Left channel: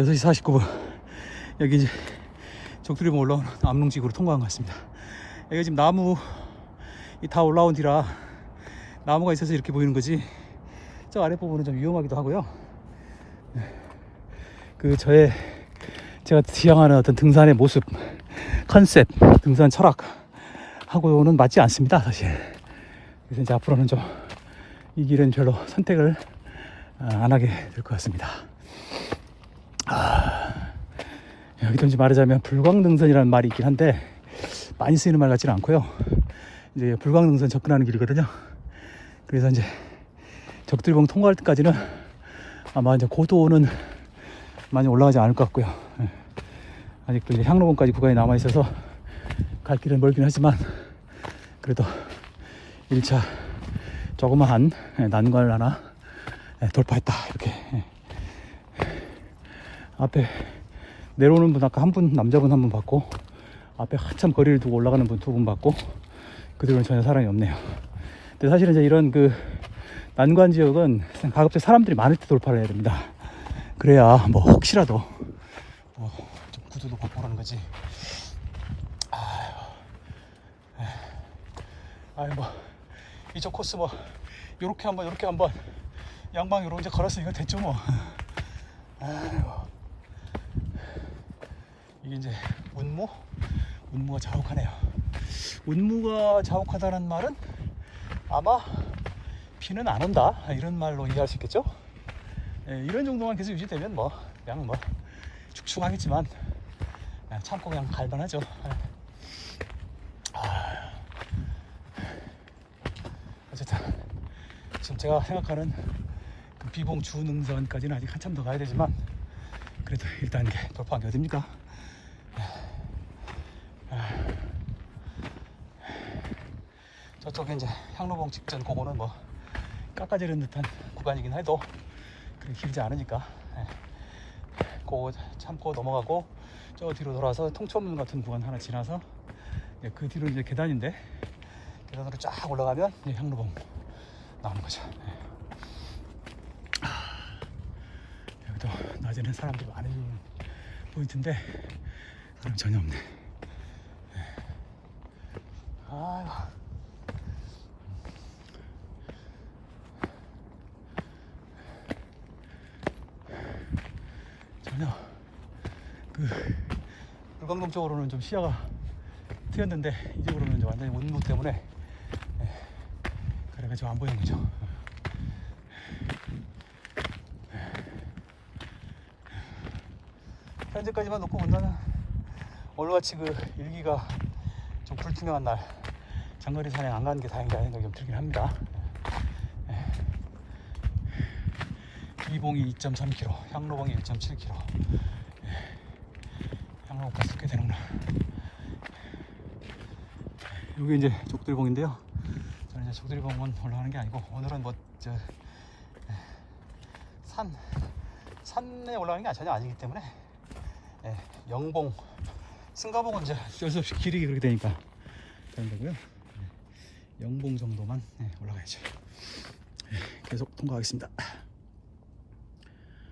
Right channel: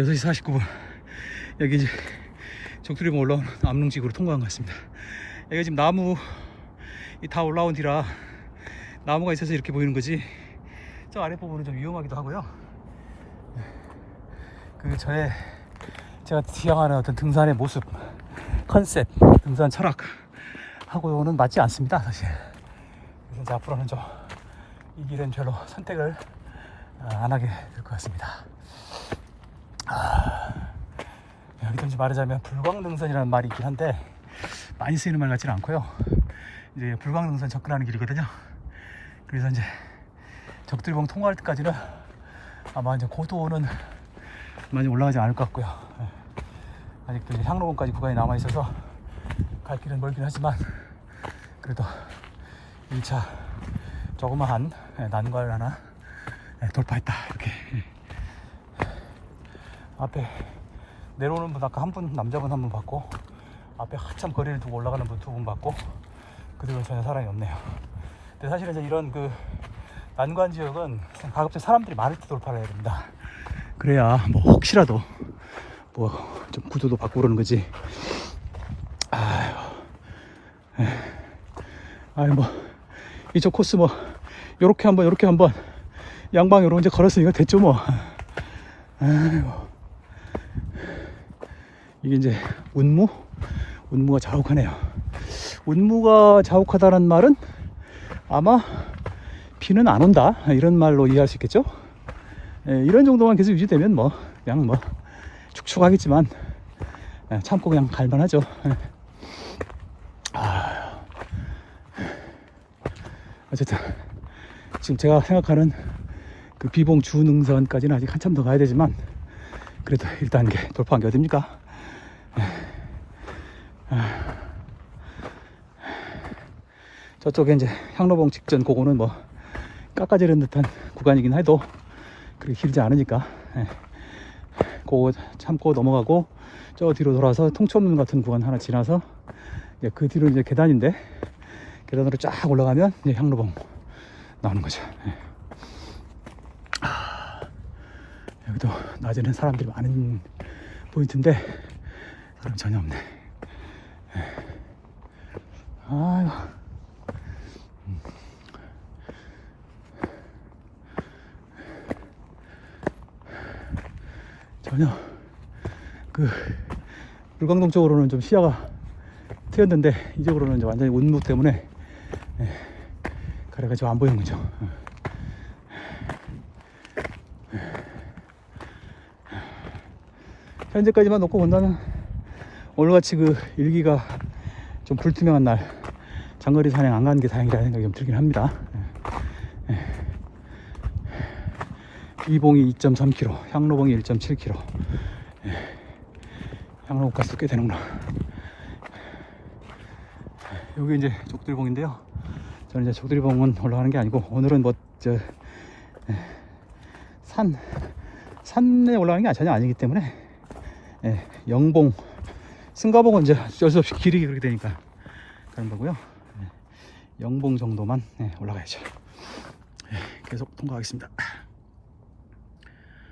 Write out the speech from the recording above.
6시 49분. 여기 이제 적두리봉 올라온 암릉지구로 통과한 것 같습니다. 여기 지금 나무 이다 올라온 뒤라 나무가 있어서 이렇게 보이는 거지. 저 아랫부분은 좀 위험하기도 하고요. 그 저의 제가 지향하는 어떤 등산의 모습 컨셉 등산 철학 하고는 맞지 않습니다 사실. 그래서 이제 앞으로는 좀 이 길은 별로 선택을 아, 안 하게 될 것 같습니다. 아, 이제 말하자면 불광등선이라는 말이 있긴 한데 많이 쓰이는 말 같지는 않고요 이제 불광등선 접근하는 길이거든요 그래서 이제 적들봉 통과할 때까지는 아마 이제 고도는 많이 올라가지 않을 것 같고요 예. 아직도 이제 향로봉까지 구간이 남아 있어서 갈 길은 멀긴 하지만 그래도 1차 조그마한 예, 난관을 하나 예, 돌파했다 이렇게 예. 앞에 내려오는 분 아까 한 분 남자분 한 분 봤고 앞에 한참 거리를 두고 올라가는 분 두 분 봤고 그들은 전혀 사람이 없네요. 근데 사실은 이제 이런 그 난관 지역은 가급적 사람들이 많을 때 돌파를 해야 됩니다. 그래야 뭐 혹시라도 뭐 좀 구도도 바꾸고 그러는 거지. 아유 아유 뭐 이쪽 코스 뭐 요렇게 한번 요렇게 한번 양방 요런 이제 걸었으니까 됐죠 뭐. 아유 이게 이제 운무? 운무가 자욱하네요. 운무가 자욱하다는 말은 아마 비는 안 온다. 이런 말로 이해할 수 있겠죠? 예, 이런 정도만 계속 유지되면 뭐 그냥 뭐 축축하겠지만 예, 참고 그냥 갈만하죠. 예. 아, 어쨌든 지금 제가 생각하는 그 비봉 주능선까지는 아직 한참 더 가야 되지만 그래도 1단계 돌파한 게 어딥니까 저쪽에 이제 향로봉 직전 그거는 뭐 깎아지른 듯한 구간이긴 해도 그렇게 길지 않으니까 예. 그거 참고 넘어가고 저 뒤로 돌아서 통천문 같은 구간 하나 지나서 이제 그 뒤로 이제 계단인데 계단으로 쫙 올라가면 이제 향로봉 나오는 거죠. 예. 아, 여기도 낮에는 사람들이 많은 포인트인데 사람 전혀 없네. 예. 아유. 전혀 그 물광동 쪽으로는 좀 시야가 트였는데 이쪽으로는 이제 완전히 운무 때문에 예, 가래가 안 보이는 거죠. 현재까지만 놓고 본다면 오늘같이 그 일기가 좀 불투명한 날 장거리 산행 안 가는 게 다행이라는 생각이 좀 들긴 합니다. 이봉이 2.3km, 향로봉이 1.7km. 예. 향로봉 가스 꽤 되는구나. 여기 이제 족들봉인데요. 저는 이제 족들봉은 올라가는 게 아니고 오늘은 뭐 저 산 산에 올라가는 게 전혀 아니기 때문에 예, 영봉 승가봉은 이제 어쩔 수 없이 길이 그렇게 되니까 가는 거고요. 예, 영봉 정도만 예, 올라가야죠. 예, 계속 통과하겠습니다.